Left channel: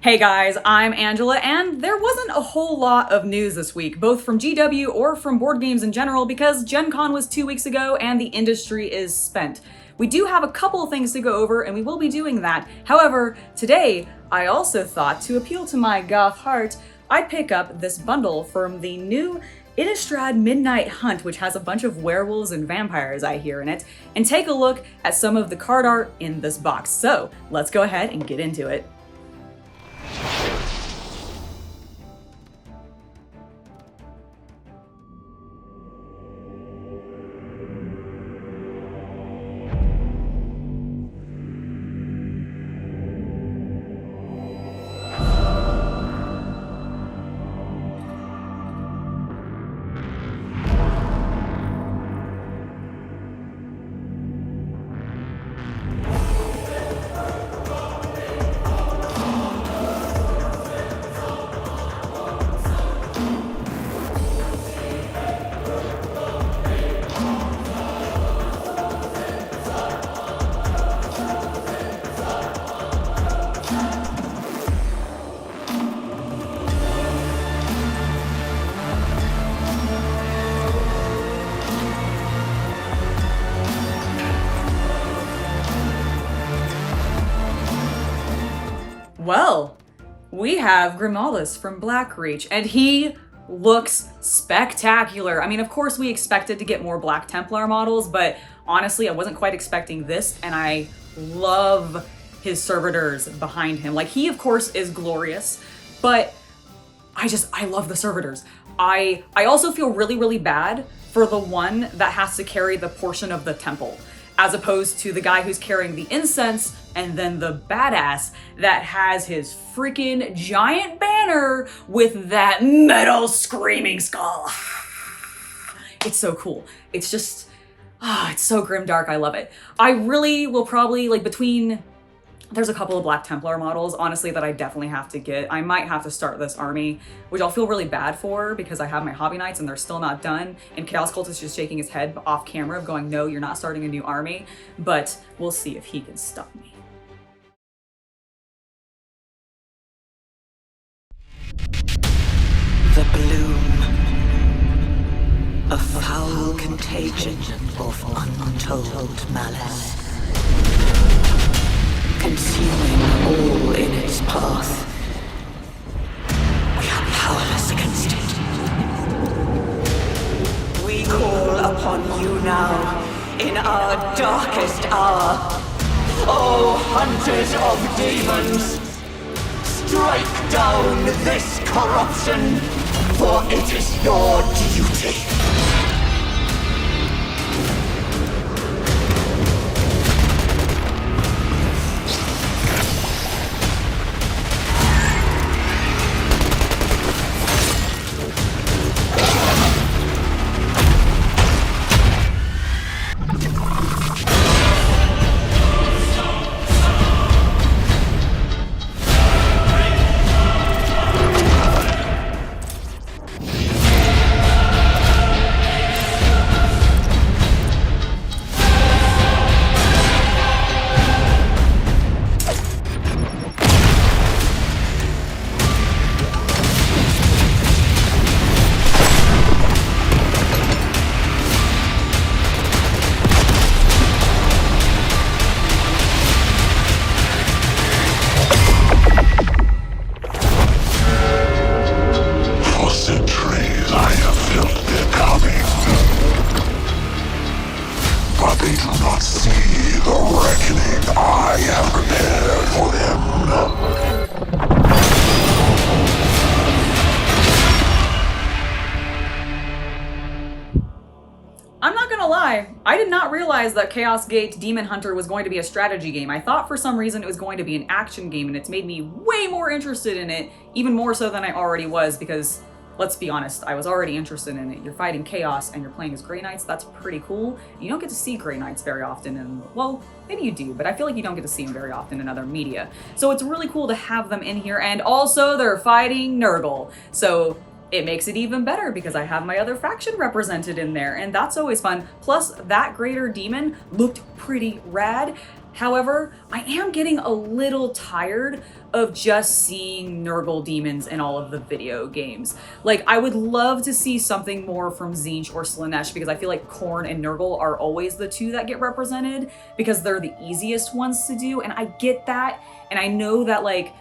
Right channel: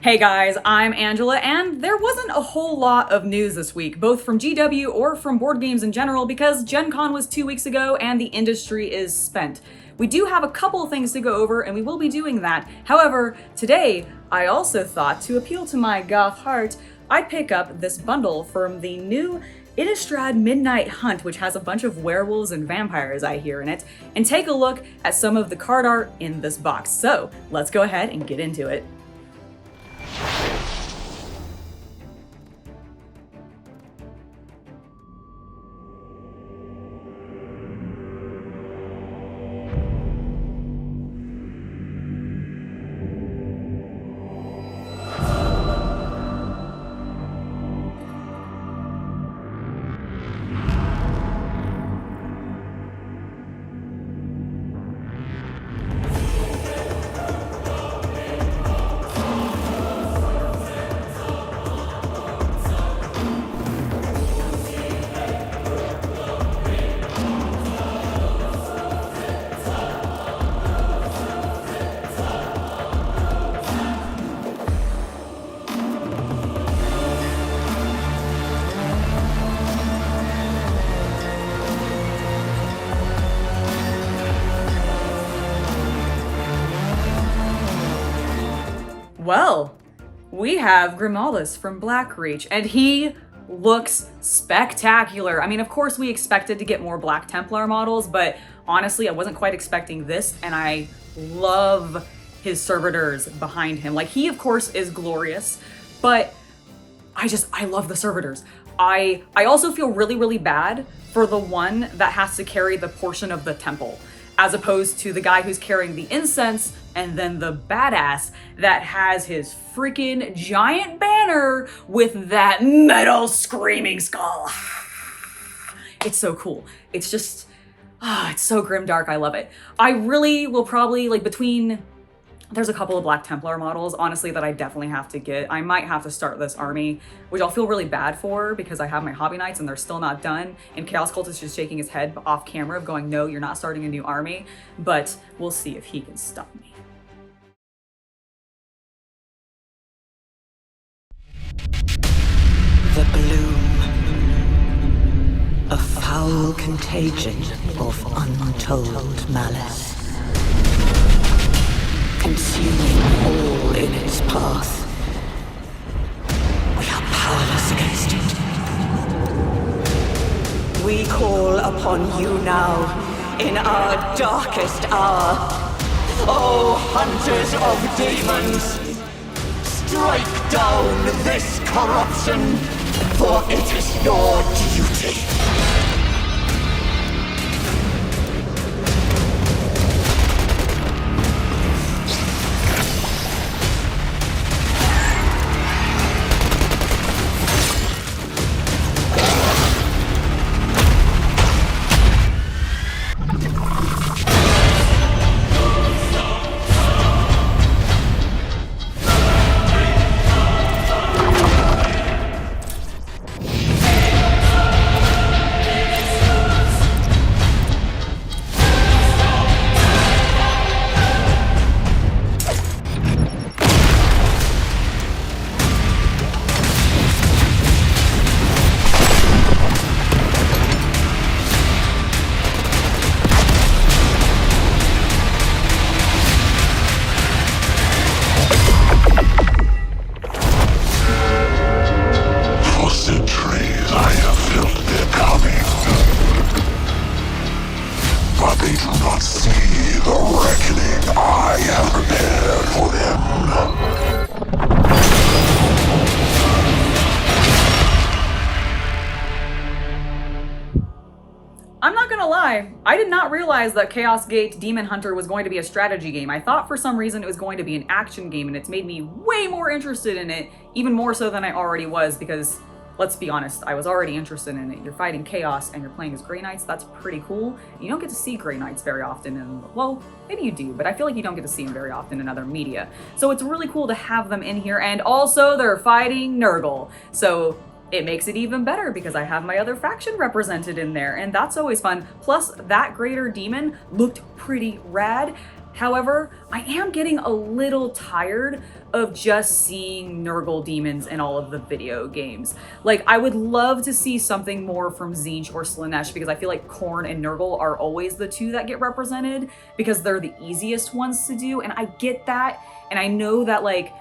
Hey guys, I'm Angela, and there wasn't a whole lot of news this week, both from GW or from board games in general, because GenCon was 2 weeks ago and the industry is spent. We do have a couple of things to go over, and we will be doing that. However, today, I also thought, to appeal to my goth heart, I'd pick up this bundle from the new Innistrad Midnight Hunt, which has a bunch of werewolves and vampires I hear in it, and take a look at some of the card art in this box. So, let's go ahead and get into it. Well, we have Grimaldus from Helsreach, and he looks spectacular. I mean, of course we expected to get more Black Templar models, but honestly, I wasn't quite expecting this, and I love his servitors behind him. Like, he, of course, is glorious, but I love the servitors. I also feel really bad for the one that has to carry the portion of the temple, as opposed to the guy who's carrying the incense and then the badass that has his freaking giant banner with that metal screaming skull. It's so cool. It's just, it's so grimdark. I love it. I really will probably, like, there's a couple of Black Templar models, honestly, that I definitely have to get. I might have to start this army, which I'll feel really bad for because I have my Hobby Knights and they're still not done. And Chaos Cult is just shaking his head off camera of going, no, you're not starting a new army. But we'll see if he can stop me. The bloom, a foul contagion of untold malice, consuming all in its path. We are powerless against it. We call upon you now, in our darkest hour. O hunters of demons, strike down this corruption, for it is your duty. I'm not gonna lie, I did not realize that Chaos Gate Daemonhunter was going to be a strategy game. I thought for some reason it was going to be an action game, and it's made me way more interested in it, even more so than I already was, because let's be honest, I was already interested in it. You're fighting chaos and you're playing as Grey Knights. That's pretty cool. You don't get to see Grey Knights very often in, well, maybe you do, but I feel like you don't get to see them very often in other media. So it's really cool to have them in here, and also they're fighting Nurgle. So it makes it even better because I have my other faction represented in there, and that's always fun. Plus, that greater demon looked pretty rad. However, I am getting a little tired of just seeing Nurgle demons in all of the video games. Like, I would love to see something more from Tzeentch or Slaanesh, because I feel like Khorne and Nurgle are always the two that get represented because they're the easiest ones to do, and I get that, and I know that like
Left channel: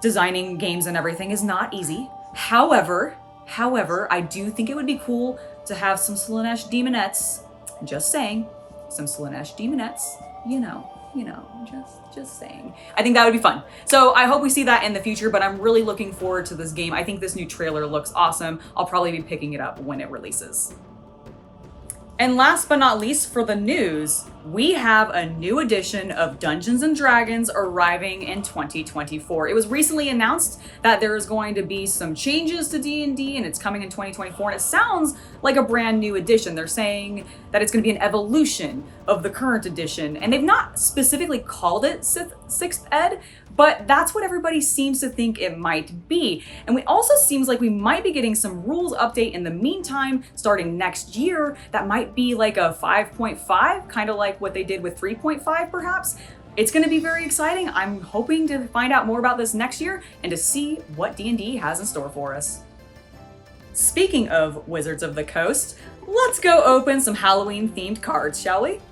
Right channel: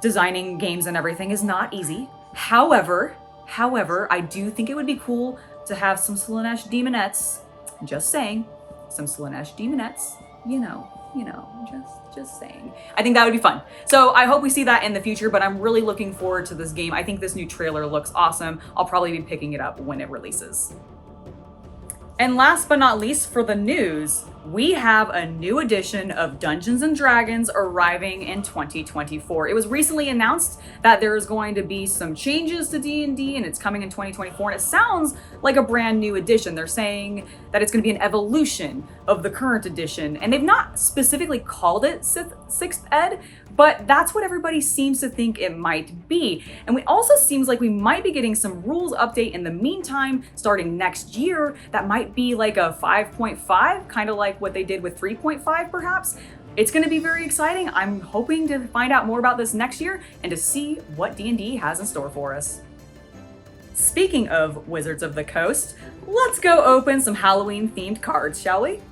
designing games and everything is not easy. However, I do think it would be cool to have some Slaanesh demonettes. Just saying, some Slaanesh demonettes. You know, just saying. I think that would be fun. So I hope we see that in the future, but I'm really looking forward to this game. I think this new trailer looks awesome. I'll probably be picking it up when it releases. And last but not least for the news, we have a new edition of Dungeons & Dragons arriving in 2024. It was recently announced that there's going to be some changes to D&D and it's coming in 2024, and it sounds like a brand new edition. They're saying that it's going to be an evolution of the current edition, and they've not specifically called it 6th Ed, but that's what everybody seems to think it might be. And it also seems like we might be getting some rules update in the meantime, starting next year, that might be like a 5.5, kind of like what they did with 3.5 perhaps. It's going to be very exciting. I'm hoping to find out more about this next year and to see what D&D has in store for us. Speaking of Wizards of the Coast, let's go open some Halloween themed cards, shall we?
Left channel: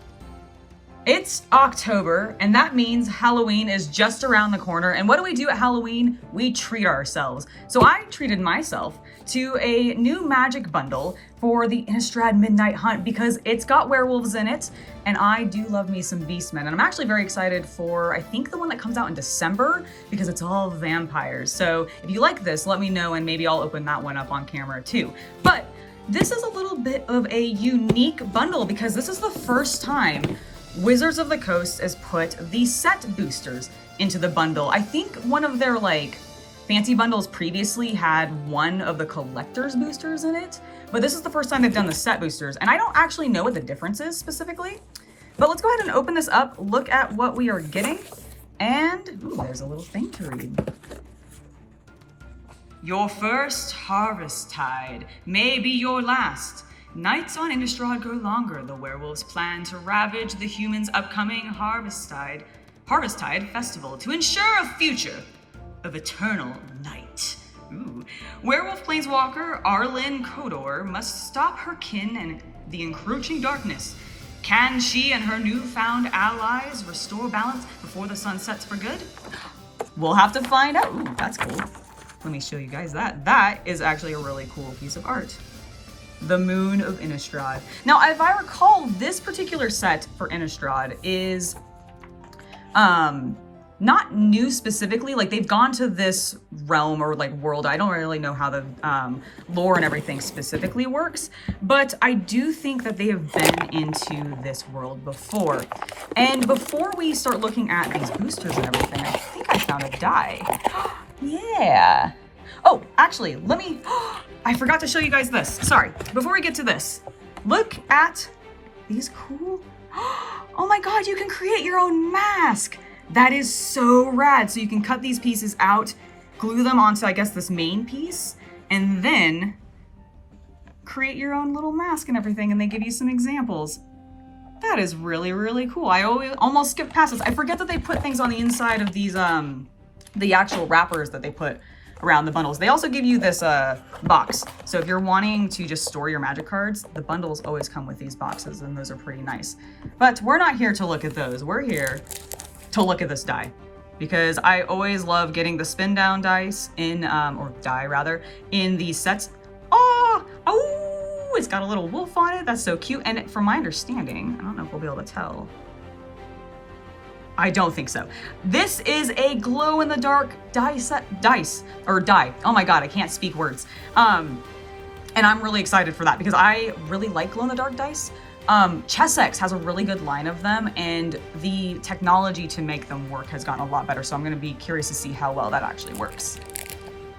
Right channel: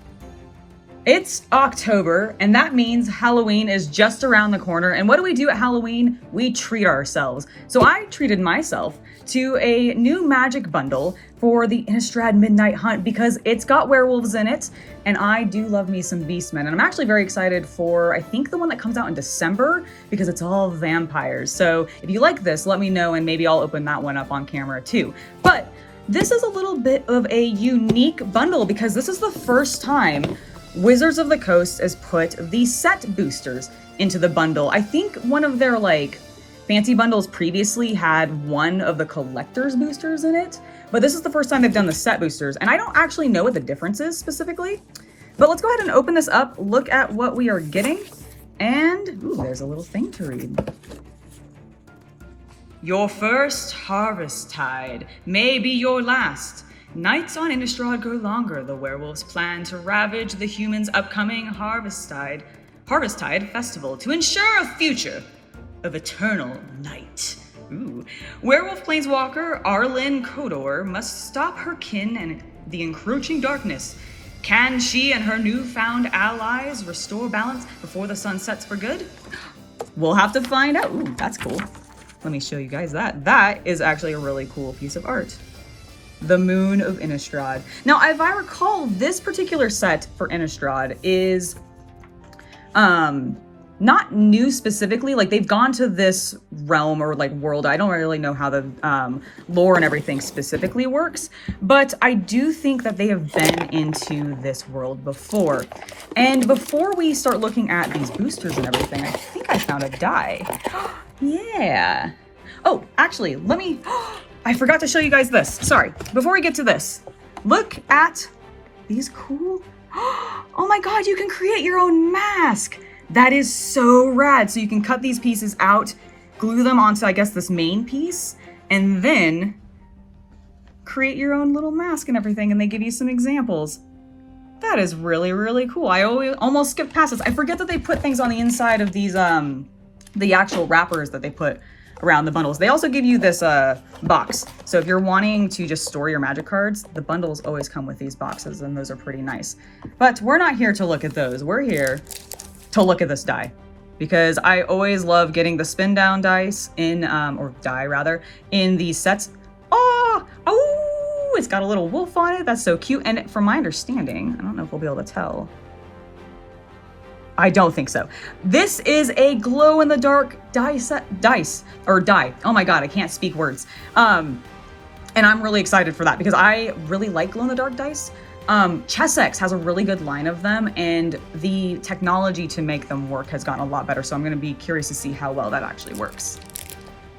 It's October, and that means Halloween is just around the corner. And what do we do at Halloween? We treat ourselves. So I treated myself to a new magic bundle for the Innistrad Midnight Hunt because it's got werewolves in it, and I do love me some beastmen. And I'm actually very excited for, I think, the one that comes out in December because it's all vampires. So if you like this, let me know, and maybe I'll open that one up on camera too. But this is a little bit of a unique bundle because this is the first time Wizards of the Coast has put the set boosters into the bundle. I think one of their like fancy bundles previously had one of the collector's boosters in it, but this is the first time they've done the set boosters, and I don't actually know what the difference is specifically. But let's go ahead and open this up, look at what we are getting, and ooh, there's a little thing to read. Your first harvest tide may be your last. Nights on Innistrad grow longer. The werewolves plan to ravage the humans' upcoming Harvest Tide festival to ensure a future of eternal night. Ooh. Werewolf planeswalker Arlinn Kodor must stop her kin and the encroaching darkness. Can she and her newfound allies restore balance before the sun sets for good? We'll have to find out. Ooh, that's cool. Let me show you guys that. That is actually a really cool piece of art. The Moon of Innistrad. Now, if I recall, this particular set for Innistrad is not new specifically. Like, they've gone to this realm or like world. I don't really know how the lore and everything specifically works, but I do think that they have been into this world before. And before we start looking at these boosters and everything, I think I found a die. Yeah. Oh, actually, let me... I forgot to show you guys this. Sorry. Before we get to this, look at these cool... Oh my god, you can create your own mask! That is so rad. So you can cut these pieces out, glue them onto, I guess, this main piece, and then create your own little mask and everything, and they give you some examples. That is really, really cool. I almost skipped past this. I forget that they put things on the inside of these, the actual wrappers that they put around the bundles. They also give you this box. So if you're wanting to just store your magic cards, the bundles always come with these boxes, and those are pretty nice. But we're not here to look at those. We're here to look at this die, because I always love getting the spin down dice in, or die rather, in these sets. Oh, it's got a little wolf on it. That's so cute. And from my understanding, I don't know if we'll be able to tell. I don't think so. This is a glow in the dark die. Oh my god, I can't speak words. And I'm really excited for that because I really like glow in the dark dice. Chessex has a really good line of them, and the technology to make them work has gotten a lot better. So I'm going to be curious to see how well that actually works.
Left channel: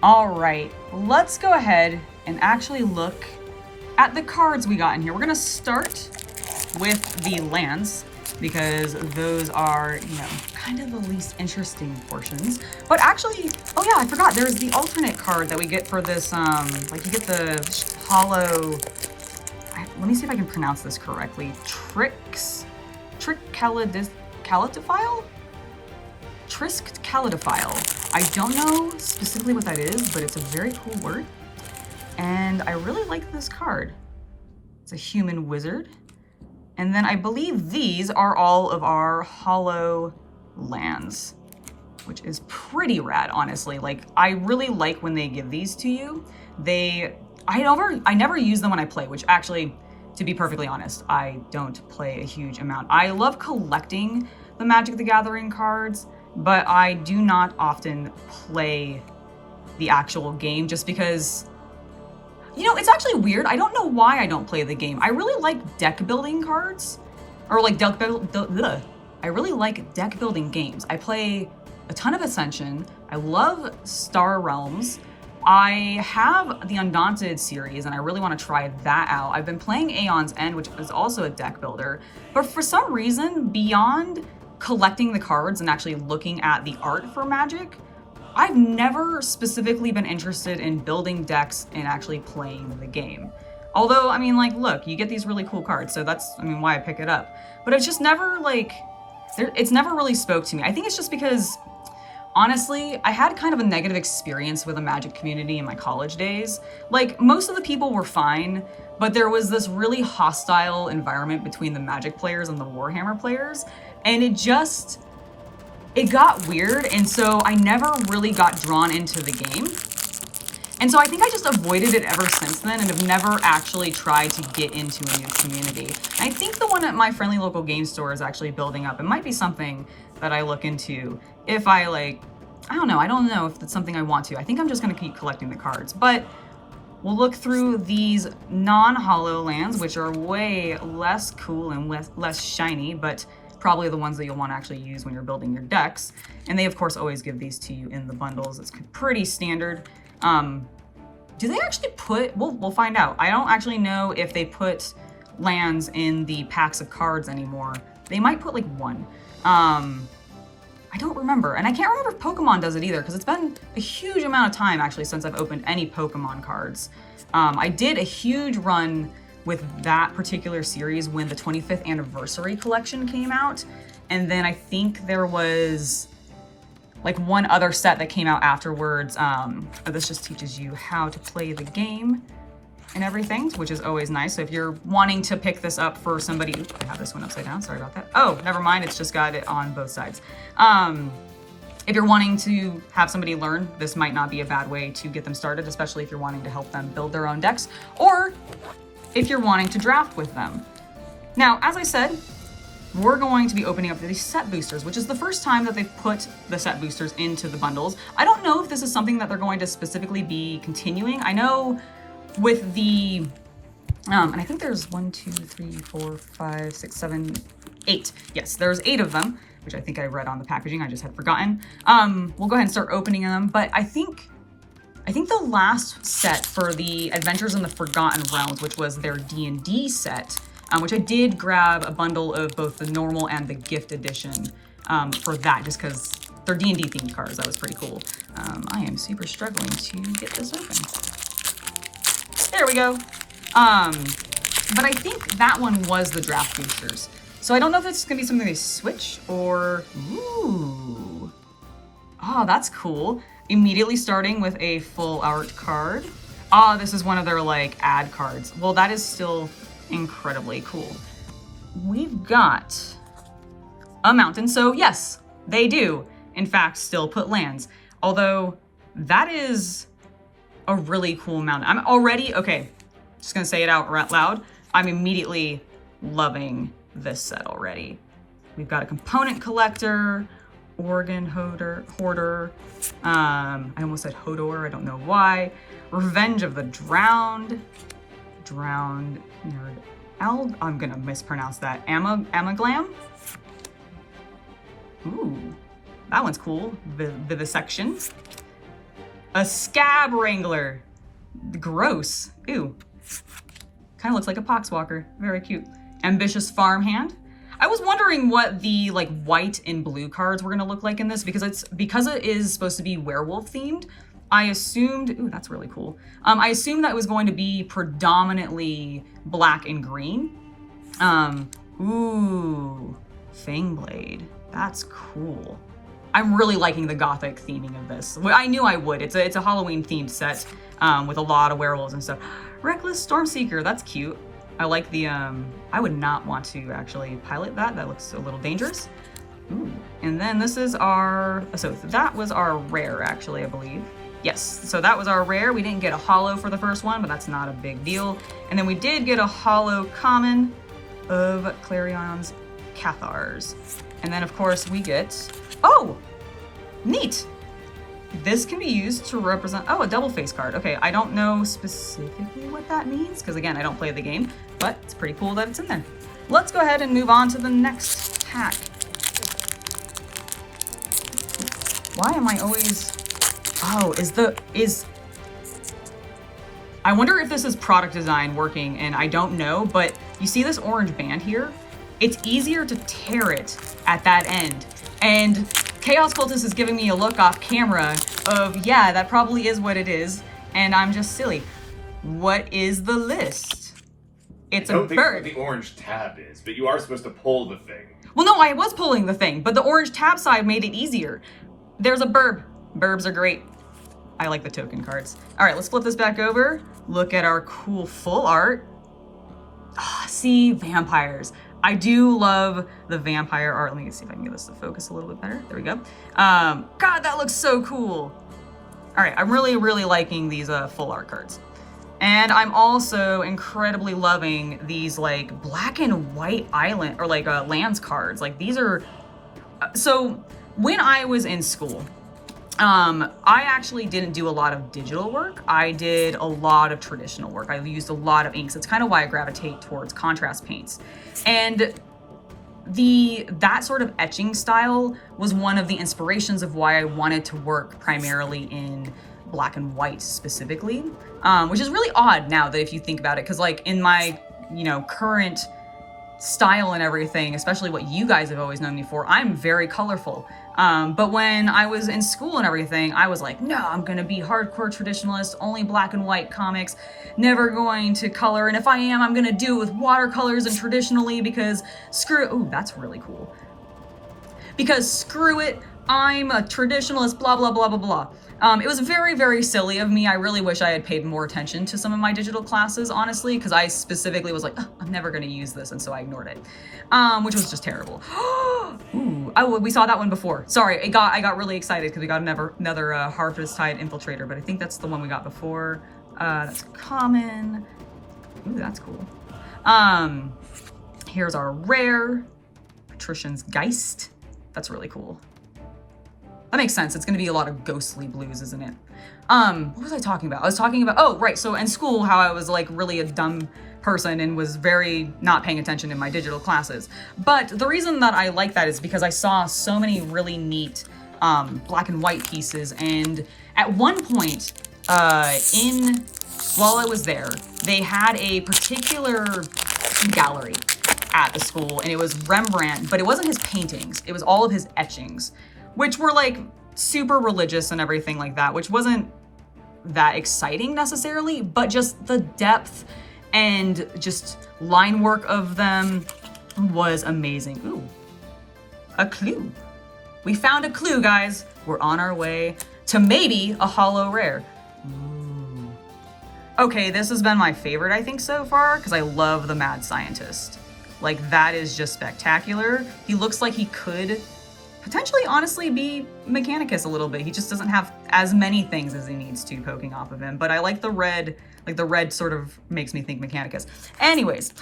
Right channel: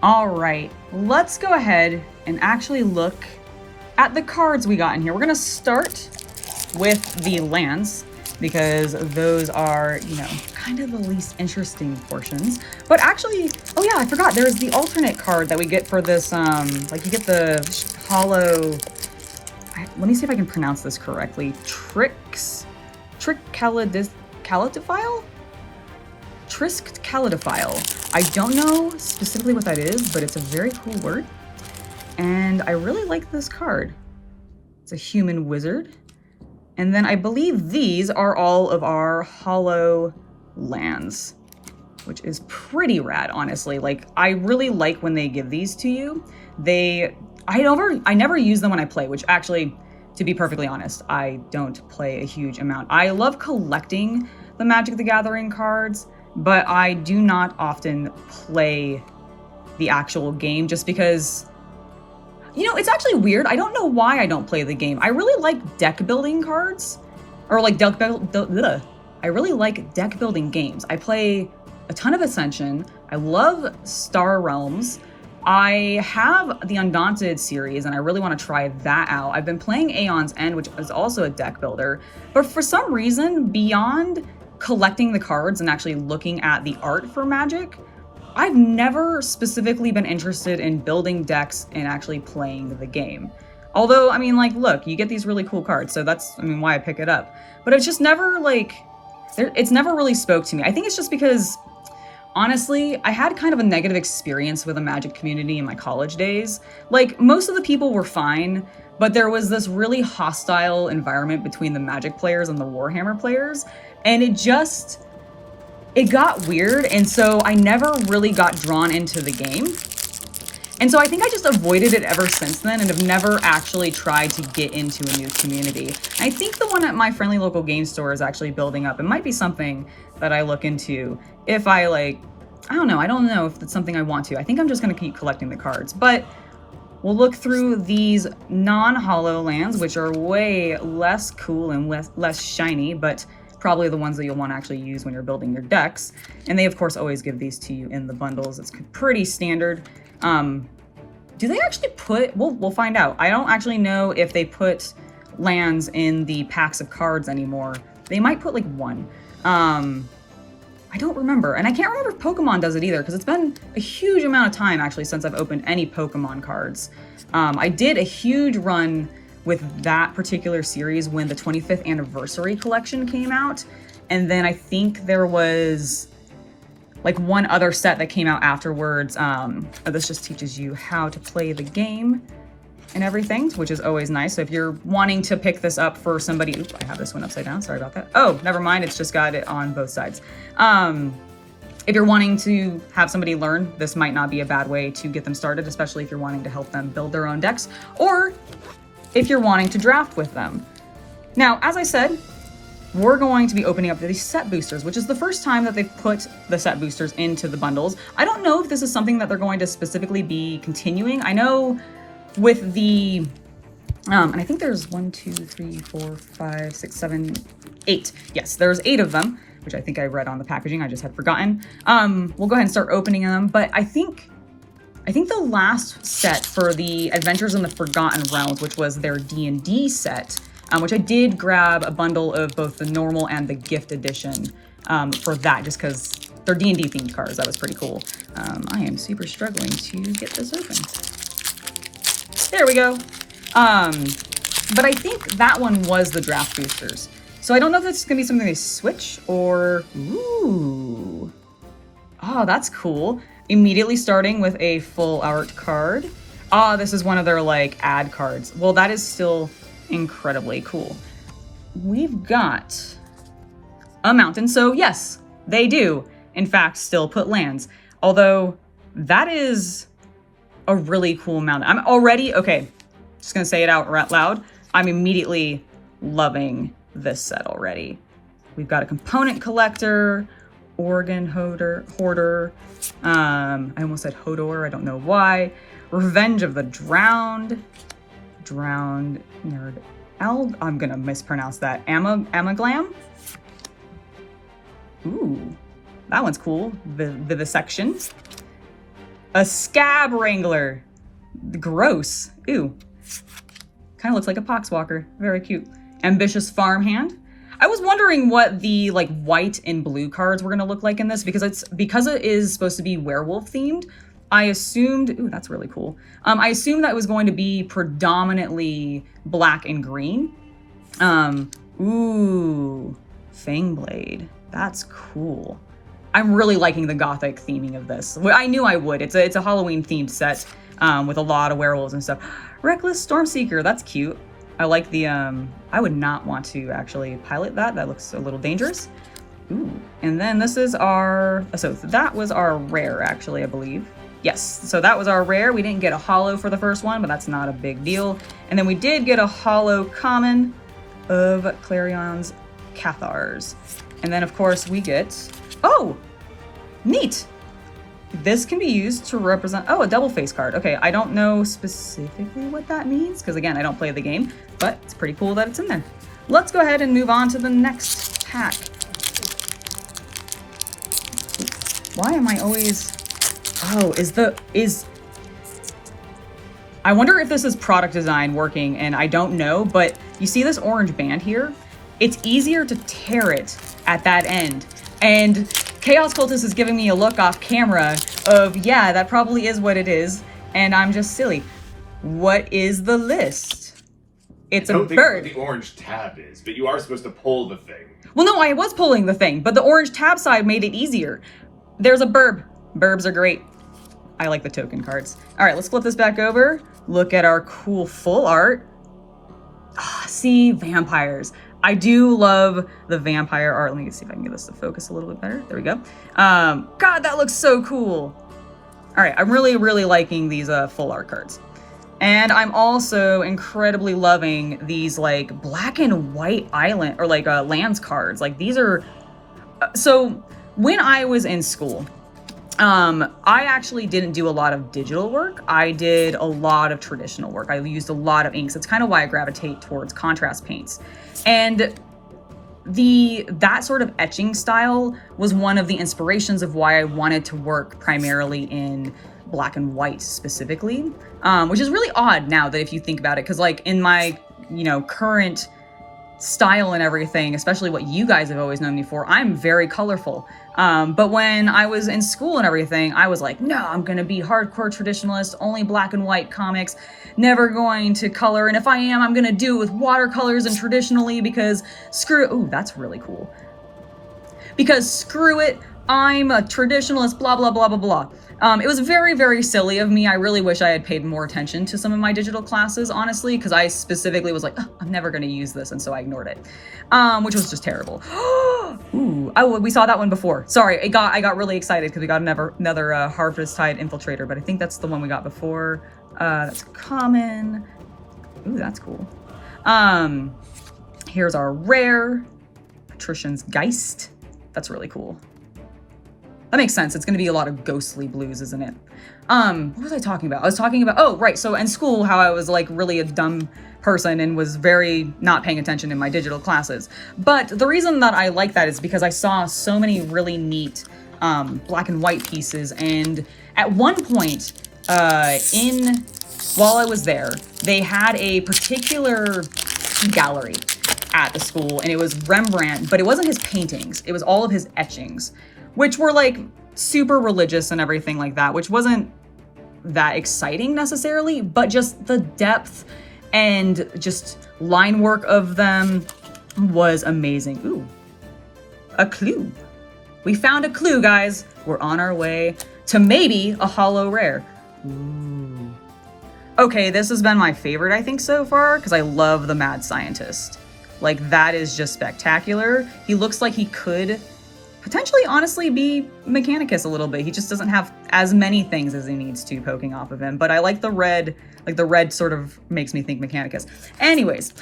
All right, let's go ahead and actually look at the cards we got in here. We're going to start with the lands, because those are, you know, kind of the least interesting portions. But actually, oh yeah, I forgot, there's the alternate card that we get for this, like you get the hollow, let me see if I can pronounce this correctly. Trickaladis, Calitophile? Trisk Calitophile. I don't know specifically what that is, but it's a very cool word. And I really like this card. It's a human wizard. And then I believe these are all of our hollow lands, which is pretty rad, honestly. Like, I really like when they give these to you. I never use them when I play, which actually, to be perfectly honest, I don't play a huge amount. I love collecting the Magic the Gathering cards, but I do not often play the actual game just because, you know, it's actually weird. I don't know why I don't play the game. I really like deck building cards, or like I really like deck building games. I play a ton of Ascension. I love Star Realms. I have the Undaunted series and I really want to try that out. I've been playing Aeon's End, which is also a deck builder, but for some reason, beyond collecting the cards and actually looking at the art for Magic, I've never specifically been interested in building decks and actually playing the game. Although, I mean, like, look, you get these really cool cards, so that's, I mean, why I pick it up. But it's just never, like, it's never really spoke to me. I think it's just because, honestly, I had kind of a negative experience with the Magic community in my college days. Like, most of the people were fine, but there was this really hostile environment between the Magic players and the Warhammer players, and it got weird, and so I never really got drawn into the game. And so I think I just avoided it ever since then and have never actually tried to get into a new community. I think the one at my friendly local game store is actually building up. It might be something that I look into if I I don't know if it's something I want to. I think I'm just gonna keep collecting the cards, but we'll look through these non-hollow lands, which are way less cool and less shiny, but probably the ones that you'll want to actually use when you're building your decks. And they, of course, always give these to you in the bundles. It's pretty standard. Do they actually put, we'll find out. I don't actually know if they put lands in the packs of cards anymore. They might put like one. I don't remember. And I can't remember if Pokemon does it either, because it's been a huge amount of time actually since I've opened any Pokemon cards. I did a huge run with that particular series when the 25th anniversary collection came out. And then I think there was like one other set that came out afterwards. This just teaches you how to play the game and everything, which is always nice. So if you're wanting to pick this up for somebody, oops, I have this one upside down, sorry about that. Oh, never mind, it's just got it on both sides. If you're wanting to have somebody learn, this might not be a bad way to get them started, especially if you're wanting to help them build their own decks, or if you're wanting to draft with them. Now, as I said, we're going to be opening up these set boosters, which is the first time that they've put the set boosters into the bundles. I don't know if this is something that they're going to specifically be continuing. I know with the, and I think there's 1, 2, 3, 4, 5, 6, 7, 8. Yes, there's 8 of them, which I think I read on the packaging. I just had forgotten. We'll go ahead and start opening them, but I think the last set for the Adventures in the Forgotten Realms, which was their D&D set, which I did grab a bundle of both the normal and the gift edition for that, just because they're D&D themed cards. That was pretty cool. I am super struggling to get this open. There we go. But I think that one was the draft boosters. So I don't know if this is gonna be something they switch or, ooh. Oh, that's cool. Immediately starting with a full art card. Ah, this is one of their like ad cards. Well, that is still incredibly cool. We've got a mountain. So yes, they do in fact still put lands. Although that is a really cool mountain. I'm already, okay, just gonna say it out loud. I'm immediately loving this set already. We've got a component collector, organ hoarder, I almost said Hodor, I don't know why. Revenge of the Drowned Nerd Elb, I'm gonna mispronounce that. Amaglam? Ooh, that one's cool. Vivisection. A Scab Wrangler. Gross. Ew. Kind of looks like a Poxwalker. Very cute. Ambitious Farmhand. I was wondering what the like white and blue cards were gonna look like in this because it is supposed to be werewolf themed. I assumed, ooh, that's really cool. I assumed that it was going to be predominantly black and green. Ooh, Fangblade. That's cool. I'm really liking the gothic theming of this. I knew I would. It's a Halloween themed set with a lot of werewolves and stuff. Reckless Stormseeker, that's cute. I like the, I would not want to actually pilot that. That looks a little dangerous. Ooh. And then this is our, so that was our rare actually, I believe. Yes, so that was our rare. We didn't get a holo for the first one, but that's not a big deal. And then we did get a holo common of Clarion's Cathars. And then of course we get, oh, neat. This can be used to represent, oh, a double face card. Okay, I don't know specifically what that means, because again, I don't play the game, but it's pretty cool that it's in there. Let's go ahead and move on to the next pack. Why am I always, oh, I wonder if this is product design working, and I don't know, but you see this orange band here? It's easier to tear it at that end. And Chaos Cultist is giving me a look off camera of, yeah, that probably is what it is, and I'm just silly. What is the list? It's a bird. I don't think what the orange tab is, but you are supposed to pull the thing. Well, no, I was pulling the thing, but the orange tab side made it easier. There's a burb. Burbs are great. I like the token cards. All right, let's flip this back over. Look at our cool full art. Ah, see, vampires. I do love the vampire art. Let me see if I can get this to focus a little bit better. There we go. God, that looks so cool. All right, I'm really, really liking these full art cards. And I'm also incredibly loving these like black and white island or like lands cards. Like these are, so when I was in school, I actually didn't do a lot of digital work. I did a lot of traditional work. I used a lot of inks. That's kind of why I gravitate towards contrast paints. And that sort of etching style was one of the inspirations of why I wanted to work primarily in black and white specifically, which is really odd now that if you think about it, because like in my, current style and everything, especially what you guys have always known me for, I'm very colorful. But when I was in school and everything, I was like, no, I'm going to be hardcore traditionalist, only black and white comics, never going to color. And if I am, I'm going to do it with watercolors and traditionally because ooh, that's really cool. Because screw it, I'm a traditionalist, blah, blah, blah, blah, blah. It was very, very silly of me. I really wish I had paid more attention to some of my digital classes, honestly, because I specifically was like, oh, I'm never going to use this. And so I ignored it, which was just terrible. Ooh, we saw that one before. Sorry, I got really excited because we got another Harvest Tide Infiltrator, but I think that's the one we got before. That's common. Ooh, that's cool. Here's our rare Patrician's Geist. That's really cool. That makes sense. It's going to be a lot of ghostly blues, isn't it? What was I talking about? I was talking about, oh, right. So in school, how I was like really a dumb person and was very not paying attention in my digital classes. But the reason that I like that is because I saw so many really neat black and white pieces. And at one point while I was there, they had a particular gallery at the school, and it was Rembrandt, but it wasn't his paintings. It was all of his etchings, which were like super religious and everything like that, which wasn't that exciting necessarily, but just the depth and just line work of them was amazing. Ooh, a clue. We found a clue, guys. We're on our way to maybe a holo rare. Ooh. Okay, this has been my favorite, I think, so far, because I love the Mad Scientist. Like, that is just spectacular. He looks like he could potentially, honestly, be Mechanicus a little bit. He just doesn't have as many things as he needs to poking off of him. But I like the red. Like, the red sort of makes me think Mechanicus. Anyways.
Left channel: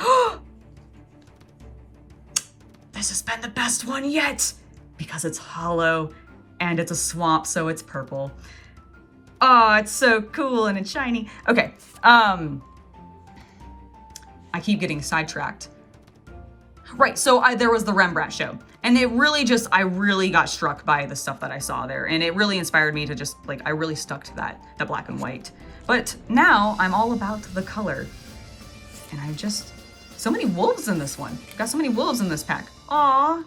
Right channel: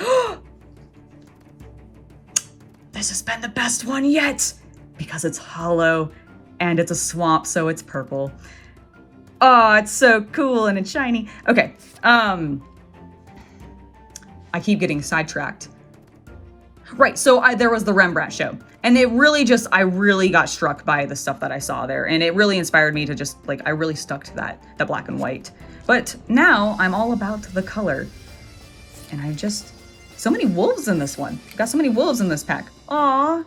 This has been the best one yet. Because it's hollow and it's a swamp, so it's purple. Oh, it's so cool and it's shiny. Okay. I keep getting sidetracked. Right, so there was the Rembrandt show. And it really just, I really got struck by the stuff that I saw there. And it really inspired me to just, like, I really stuck to that black and white. But now I'm all about the color. And I just, so many wolves in this one. Got so many wolves in this pack. Aw,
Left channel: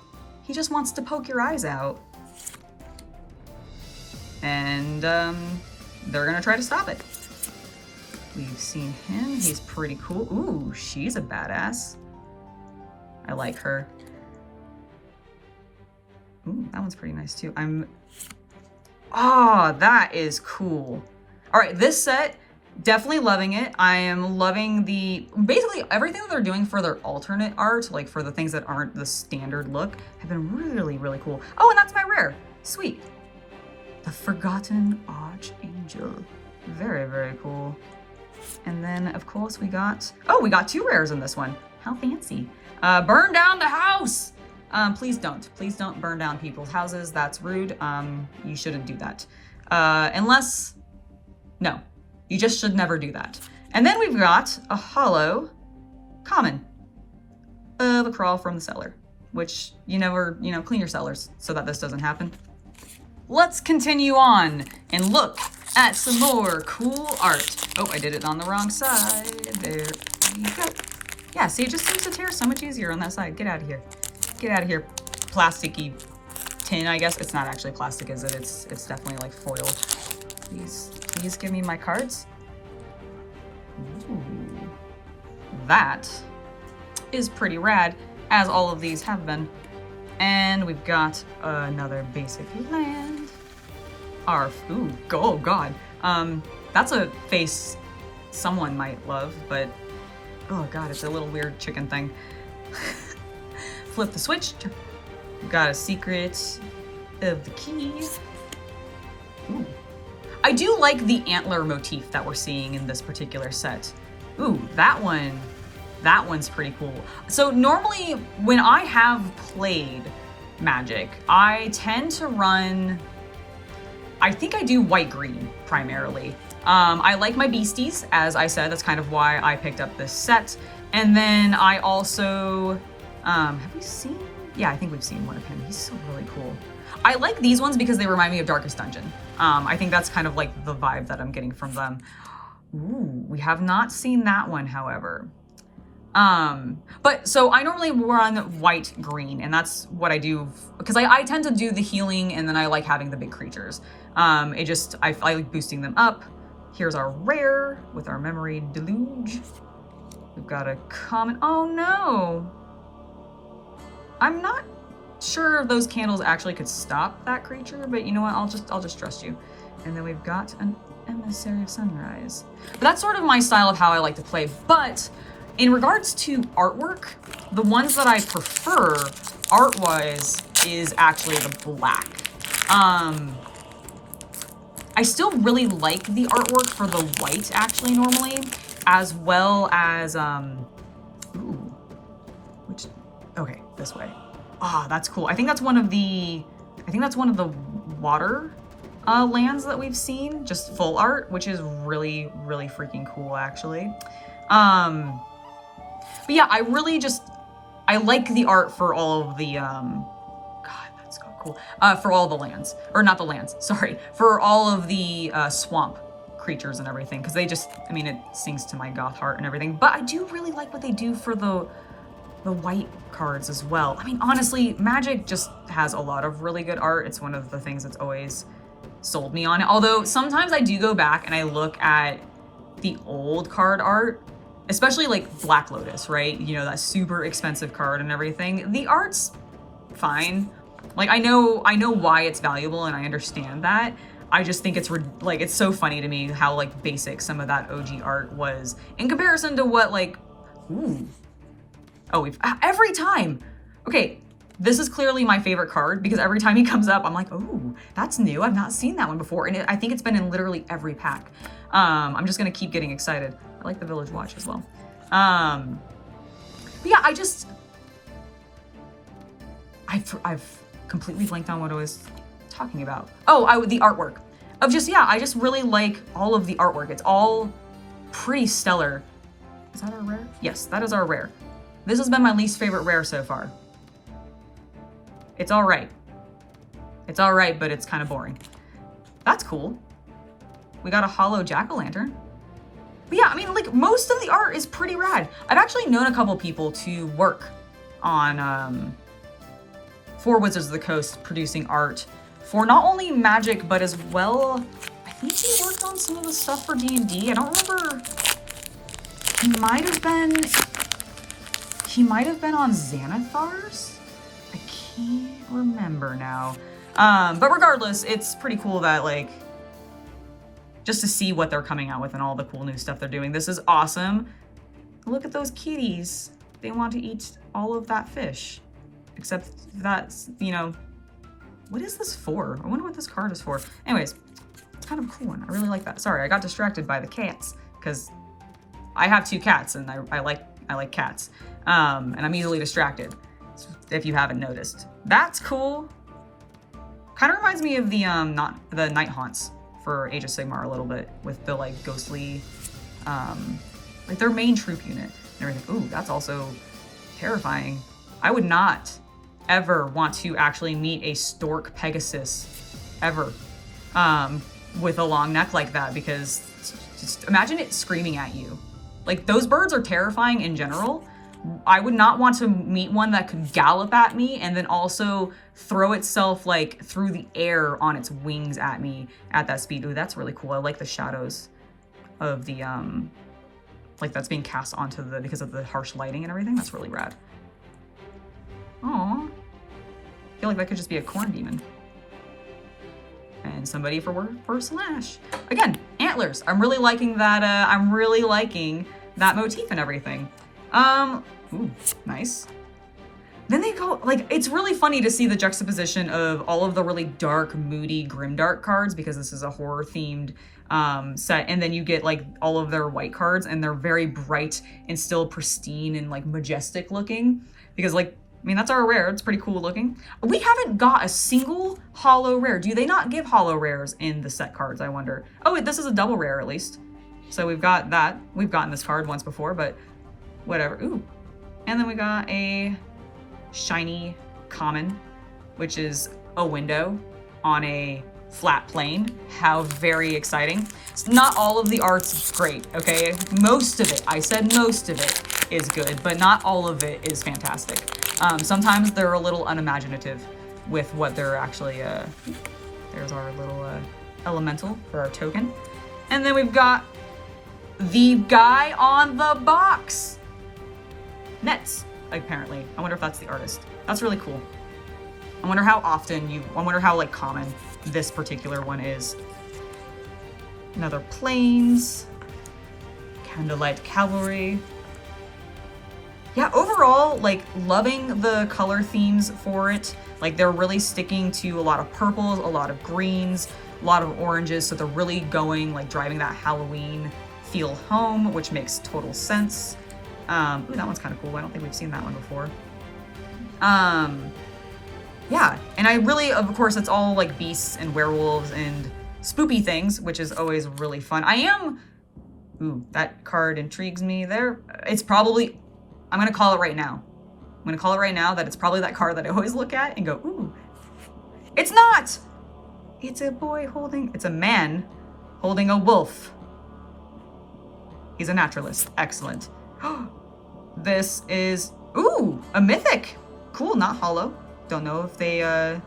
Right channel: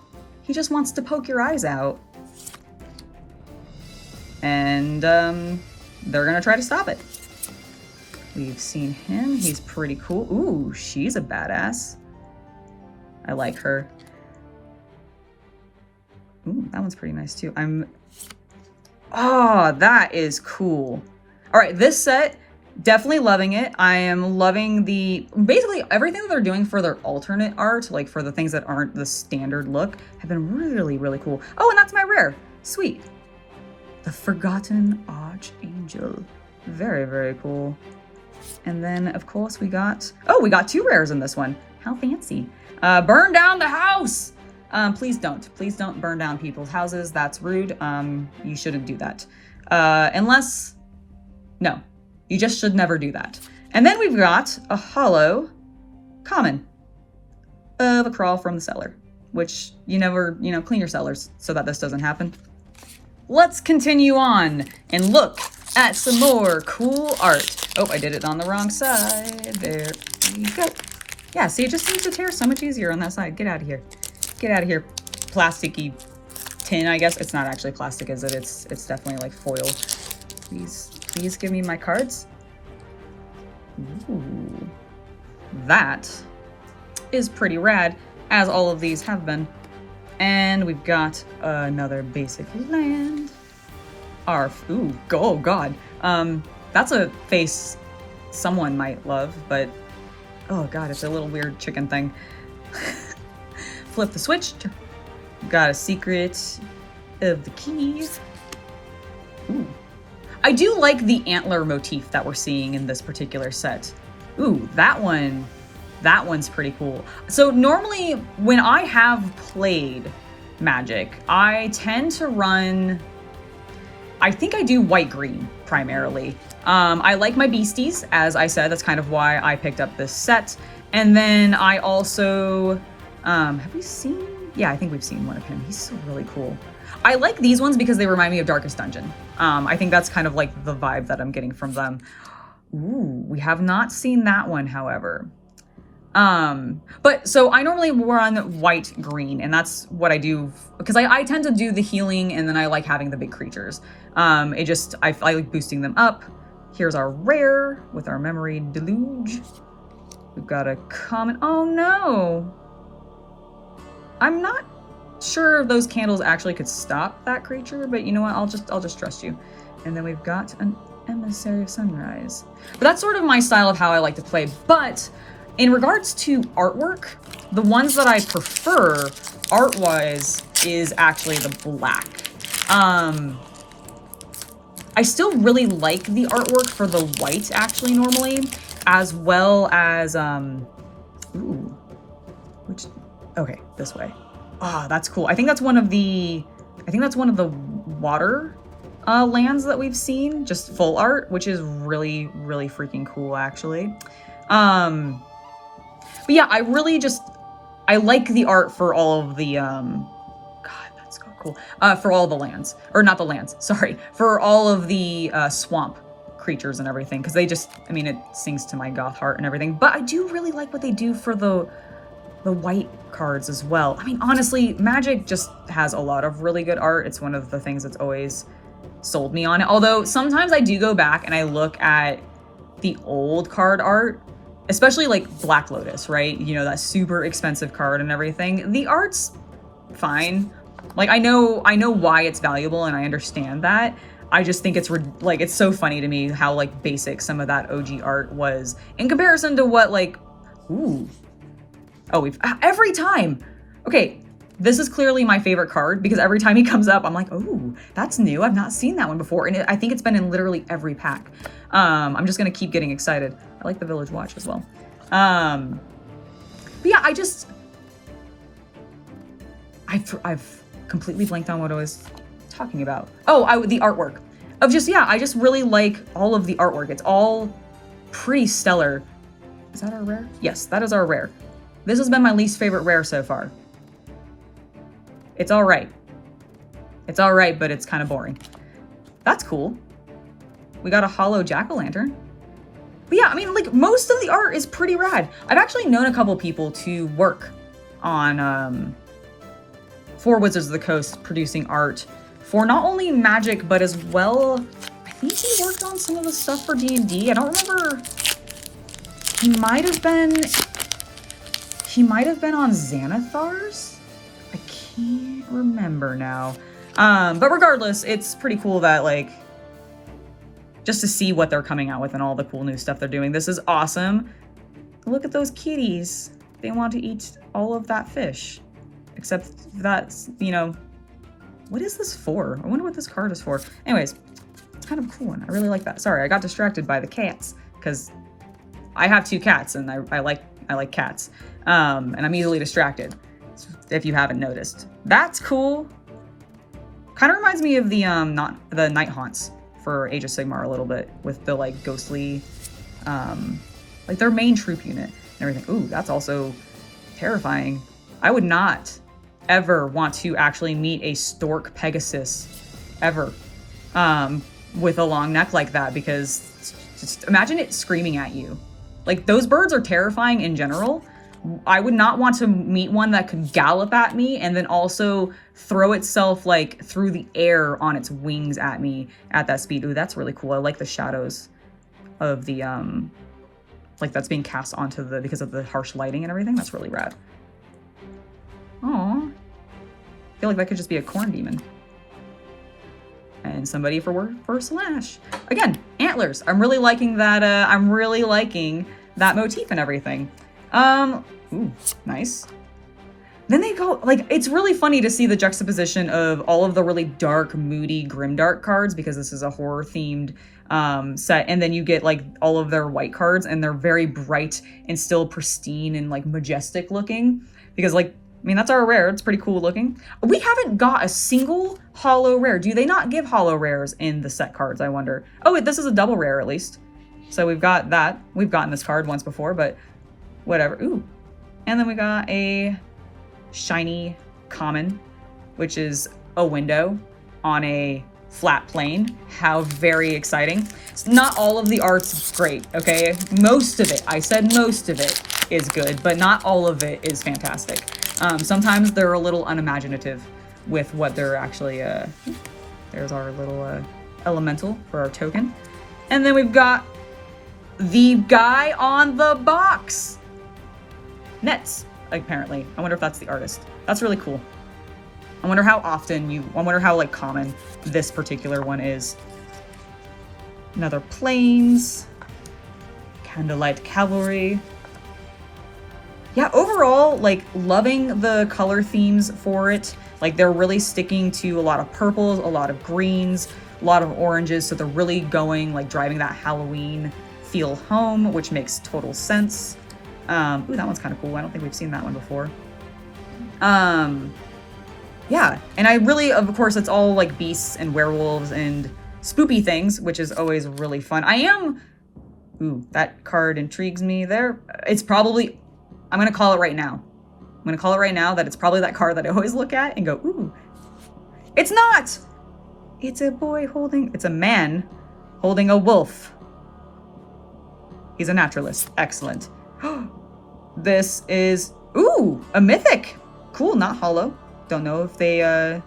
he just wants to poke your eyes out. And they're gonna try to stop it. We've seen him, he's pretty cool. Ooh, she's a badass. I like her. Ooh, that one's pretty nice too. Oh, that is cool. All right, this set, definitely loving it. I am loving basically everything that they're doing for their alternate art, like for the things that aren't the standard look, have been really, really cool. Oh, and that's my rare. Sweet. The Forgotten Archangel. Very, very cool. And then, of course, we got 2 rares in this one. How fancy. Burn down the house! Please don't burn down people's houses. That's rude. You shouldn't do that. No, you just should never do that. And then we've got a hollow common of a crawl from the cellar, which you never, clean your cellars so that this doesn't happen. Let's continue on and look at some more cool art. Oh, I did it on the wrong side. There you go. Yeah, see, it just seems to tear so much easier on that side. Get out of here. Get out of here, plasticky tin, I guess. It's not actually plastic, is it? It's definitely like foil. Please give me my cards. Ooh, that is pretty rad, as all of these have been. And we've got another basic land. Ooh, oh god. That's a face someone might love, but oh god, it's a little weird chicken thing. Flip the switch. Got a secret of the keys. Ooh. I do like the antler motif that we're seeing in this particular set. Ooh, that one's pretty cool. So normally when I have played Magic, I tend to run, I think I do white-green primarily. I like my beasties, as I said, that's kind of why I picked up this set. And then I also, have we seen? Yeah, I think we've seen one of him. He's so really cool. I like these ones because they remind me of Darkest Dungeon. I think that's kind of like the vibe that I'm getting from them. Ooh, we have not seen that one, however. But so I normally run white green, and that's what I do because I tend to do the healing, and then I like having the big creatures. I like boosting them up. Here's our rare with our memory deluge. We've got a common. Oh no! I'm not sure if those candles actually could stop that creature, but you know what? I'll just trust you. And then we've got an Emissary of Sunrise. But that's sort of my style of how I like to play. But in regards to artwork, the ones that I prefer art-wise is actually the black. I still really like the artwork for the white actually normally, as well as okay, this way. Ah, that's cool. I think that's one of the water lands that we've seen, just full art, which is really, really freaking cool actually. But yeah, I like the art for all of the God, that's so cool. For all the lands, or not the lands, sorry, for all of the swamp creatures and everything, because they just, I mean, it sings to my goth heart and everything. But I do really like what they do for the white cards as well. I mean, honestly, Magic just has a lot of really good art. It's one of the things that's always sold me on it. Although sometimes I do go back and I look at the old card art, especially like Black Lotus, right? You know, that super expensive card and everything. The art's fine. Like, I know why it's valuable and I understand that. I just think it's like, it's so funny to me how like basic some of that OG art was in comparison to what like, ooh. Oh, every time. Okay, this is clearly my favorite card because every time he comes up, I'm like, oh, that's new. I've not seen that one before. And I think it's been in literally every pack. I'm just gonna keep getting excited. I like the Village Watch as well. But yeah, I've completely blanked on what I was talking about. Oh, the artwork. I just really like all of the artwork. It's all pretty stellar. Is that our rare? Yes, that is our rare. This has been my least favorite rare so far. It's all right. It's all right, but it's kind of boring. That's cool. We got a hollow jack-o'-lantern. But yeah, I mean, like, most of the art is pretty rad. I've actually known a couple people to work on, for Wizards of the Coast, producing art for not only Magic, but as well, I think he worked on some of the stuff for D&D. I don't remember. He might have been on Xanathar's? I can't remember now. But regardless, it's pretty cool that, like, just to see what they're coming out with and all the cool new stuff they're doing. This is awesome. Look at those kitties. They want to eat all of that fish. Except that's, you know, what is this for? I wonder what this card is for. Anyways, it's kind of a cool one. I really like that. Sorry, I got distracted by the cats because I have 2 cats and I like cats. And I'm easily distracted, if you haven't noticed. That's cool. Kind of reminds me of the the night haunts for Age of Sigmar a little bit, with the like ghostly, like their main troop unit and everything. Ooh, that's also terrifying. I would not ever want to actually meet a stork pegasus ever, with a long neck like that, because just imagine it screaming at you. Like, those birds are terrifying in general. I would not want to meet one that could gallop at me and then also throw itself like through the air on its wings at me at that speed. Ooh, that's really cool. I like the shadows of the like that's being cast onto the, because of the harsh lighting and everything. That's really rad. Aww. I feel like that could just be a corn demon. And somebody for slash. Again, antlers. I'm really liking that. I'm really liking that motif and everything. Ooh, nice. Then they go, like, it's really funny to see the juxtaposition of all of the really dark, moody, grimdark cards, because this is a horror-themed set, and then you get, like, all of their white cards, and they're very bright and still pristine and, like, majestic looking, because, like, I mean, that's our rare. It's pretty cool looking. We haven't got a single holo rare. Do they not give holo rares in the set cards, I wonder? Oh, wait, this is a double rare, at least. So we've got that. We've gotten this card once before, but whatever. Ooh. And then we got a shiny common, which is a window on a flat plane. How very exciting. So not all of the art's great, okay? Most of it, I said most of it is good, but not all of it is fantastic. Sometimes they're a little unimaginative with what they're actually, there's our little elemental for our token. And then we've got the guy on the box. Nets, apparently. I wonder if that's the artist. That's really cool. I wonder how often I wonder how, like, common this particular one is. Another planes. Candlelight Cavalry. Yeah, overall, like, loving the color themes for it. Like, they're really sticking to a lot of purples, a lot of greens, a lot of oranges, so they're really going, like, driving that Halloween feel home, which makes total sense. Ooh, that one's kind of cool. I don't think we've seen that one before. Yeah, and I really, of course, it's all like beasts and werewolves and spoopy things, which is always really fun. Ooh, that card intrigues me there. It's probably, I'm going to call it right now. I'm going to call it right now that it's probably that card that I always look at and go, ooh. It's not! It's a man holding a wolf. He's a naturalist. Excellent. This is, ooh, a mythic. Cool, not hollow. Don't know if they, I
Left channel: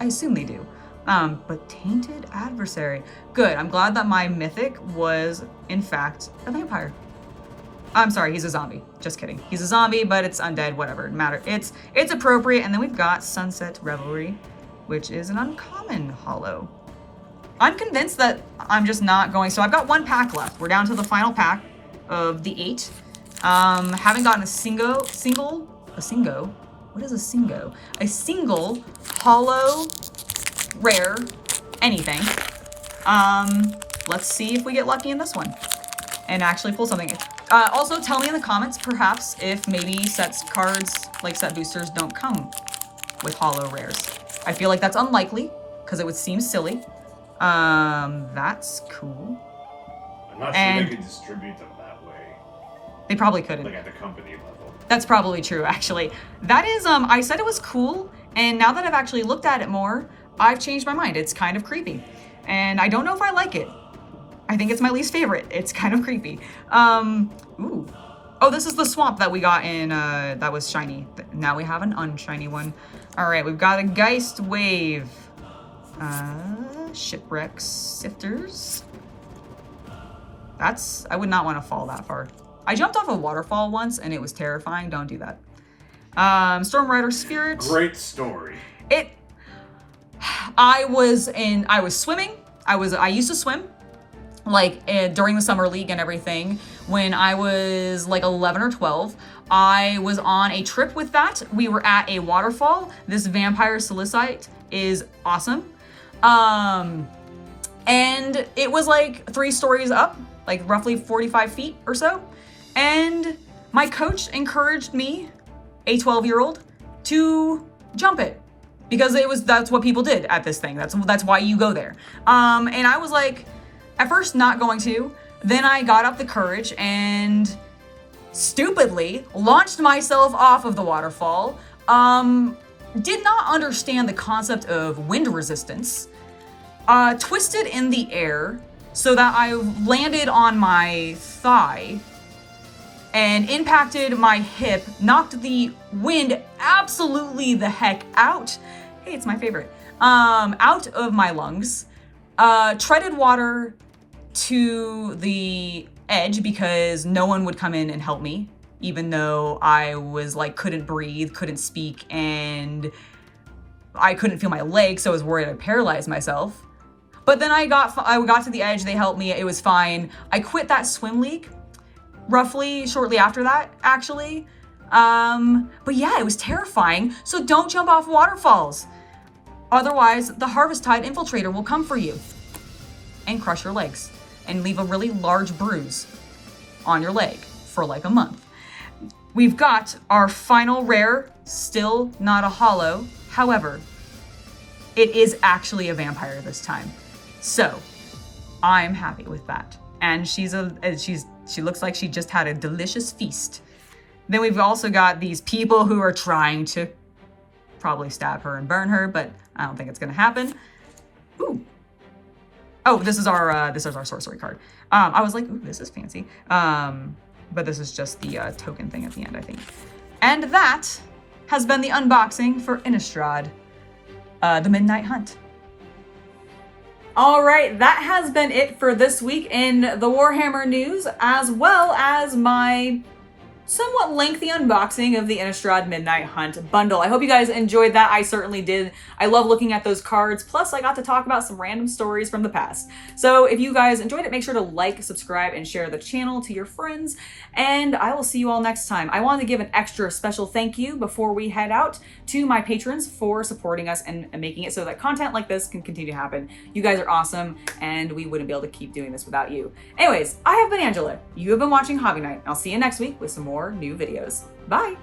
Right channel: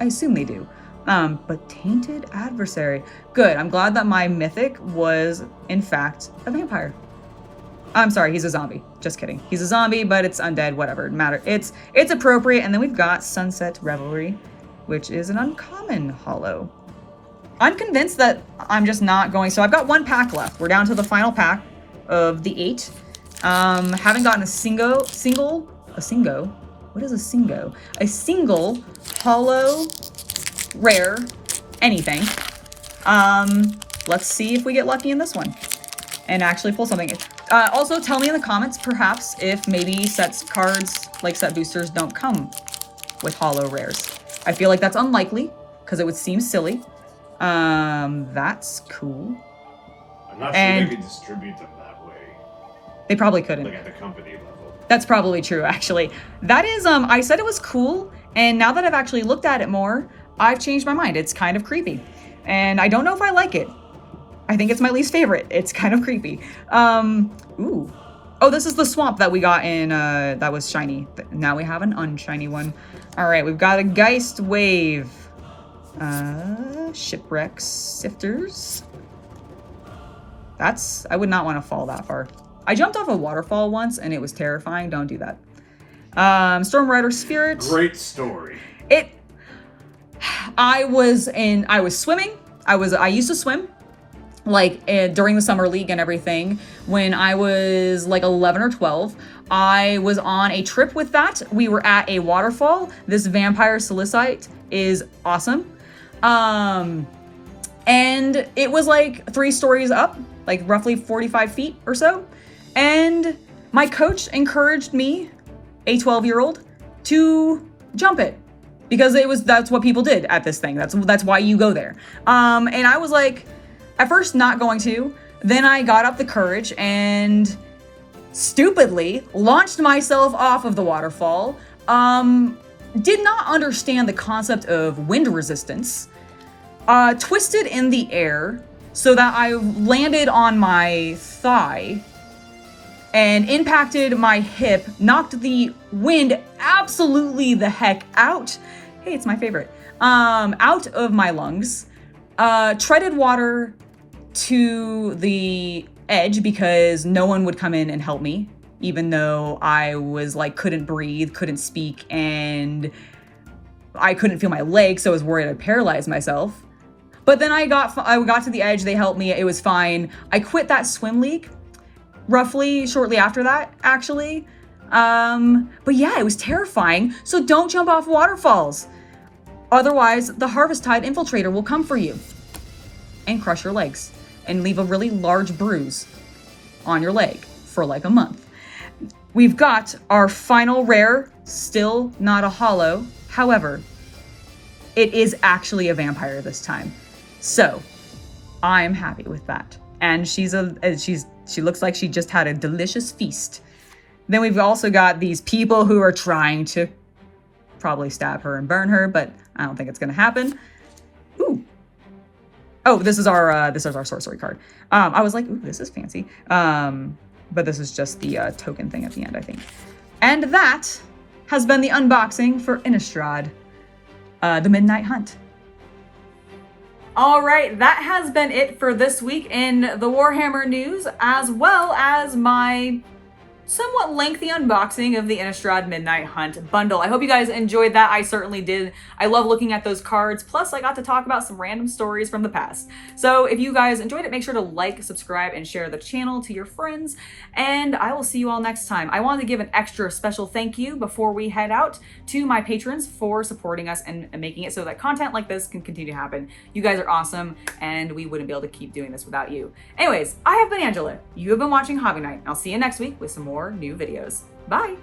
assume they do. But Tainted Adversary. Good, I'm glad that my mythic was, in fact, a vampire. I'm sorry, he's a zombie. Just kidding. He's a zombie, but it's undead, whatever, it matter. It's appropriate. And then we've got Sunset Revelry, which is an uncommon hollow. I'm convinced that I'm just not going, so I've got 1 pack left. We're down to the final pack of the 8. Haven't gotten a single hollow rare anything. Let's see if we get lucky in this one and actually pull something. Also tell me in the comments, perhaps, if maybe sets cards, like set boosters, don't come with hollow rares. I feel like that's unlikely because it would seem silly. That's cool. I'm not sure they could distribute them that way. They probably couldn't. Like at the company level. That's probably true, actually. That is, I said it was cool, and now that I've actually looked at it more, I've changed my mind. It's kind of creepy, and I don't know if I like it. I think it's my least favorite. It's kind of creepy. Ooh. Oh, this is the swamp that we got in, that was shiny. Now we have an unshiny one. All right, we've got a Geist Wave. Shipwreck Sifters. I would not want to fall that far. I jumped off a waterfall once and it was terrifying. Don't do that. Storm Rider Spirit. Great story. I was swimming. I used to swim, like during the summer league and everything. When I was like 11 or 12, I was on a trip with that. We were at a waterfall. This vampire salicite is awesome. And it was like 3 stories up, like roughly 45 feet or so. And my coach encouraged me, a 12-year-old, to jump it. Because that's what people did at this thing. That's why you go there. And I was like, at first not going to. Then I got up the courage and stupidly launched myself off of the waterfall. Did not understand the concept of wind resistance. Twisted in the air so that I landed on my thigh and impacted my hip, knocked the wind absolutely the heck out. Hey, it's my favorite. Out of my lungs, treaded water to the edge because no one would come in and help me, even though I was like, couldn't breathe, couldn't speak, and I couldn't feel my legs, so I was worried I'd paralyze myself. But then I got to the edge, they helped me, it was fine. I quit that swim league roughly shortly after that, actually. But yeah, it was terrifying, so don't jump off waterfalls. Otherwise, the Harvest-Tide Infiltrator will come for you and crush your legs and leave a really large bruise on your leg for like a month. We've got our final rare, still not a holo. However, it is actually a vampire this time. So I'm happy with that. And she looks like she just had a delicious feast. Then we've also got these people who are trying to probably stab her and burn her, but I don't think it's gonna happen. Ooh. Oh, this is our sorcery card. I was like, ooh, this is fancy. But this is just the token thing at the end, I think. And that has been the unboxing for Innistrad, the Midnight Hunt. All right, that has been it for this week in the Warhammer news, as well as my somewhat lengthy unboxing of the Innistrad Midnight Hunt Bundle. I hope you guys enjoyed that. I certainly did. I love looking at those cards. Plus, I got to talk about some random stories from the past. So if you guys enjoyed it, make sure to like, subscribe, and share the channel to your friends. And I will see you all next time. I wanted to give an extra special thank you before we head out to my patrons for supporting us and making it so that content like this can continue to happen. You guys are awesome, and we wouldn't be able to keep doing this without you. Anyways, I have been Angela. You have been watching Hobby Night. I'll see you next week with some more new videos. Bye!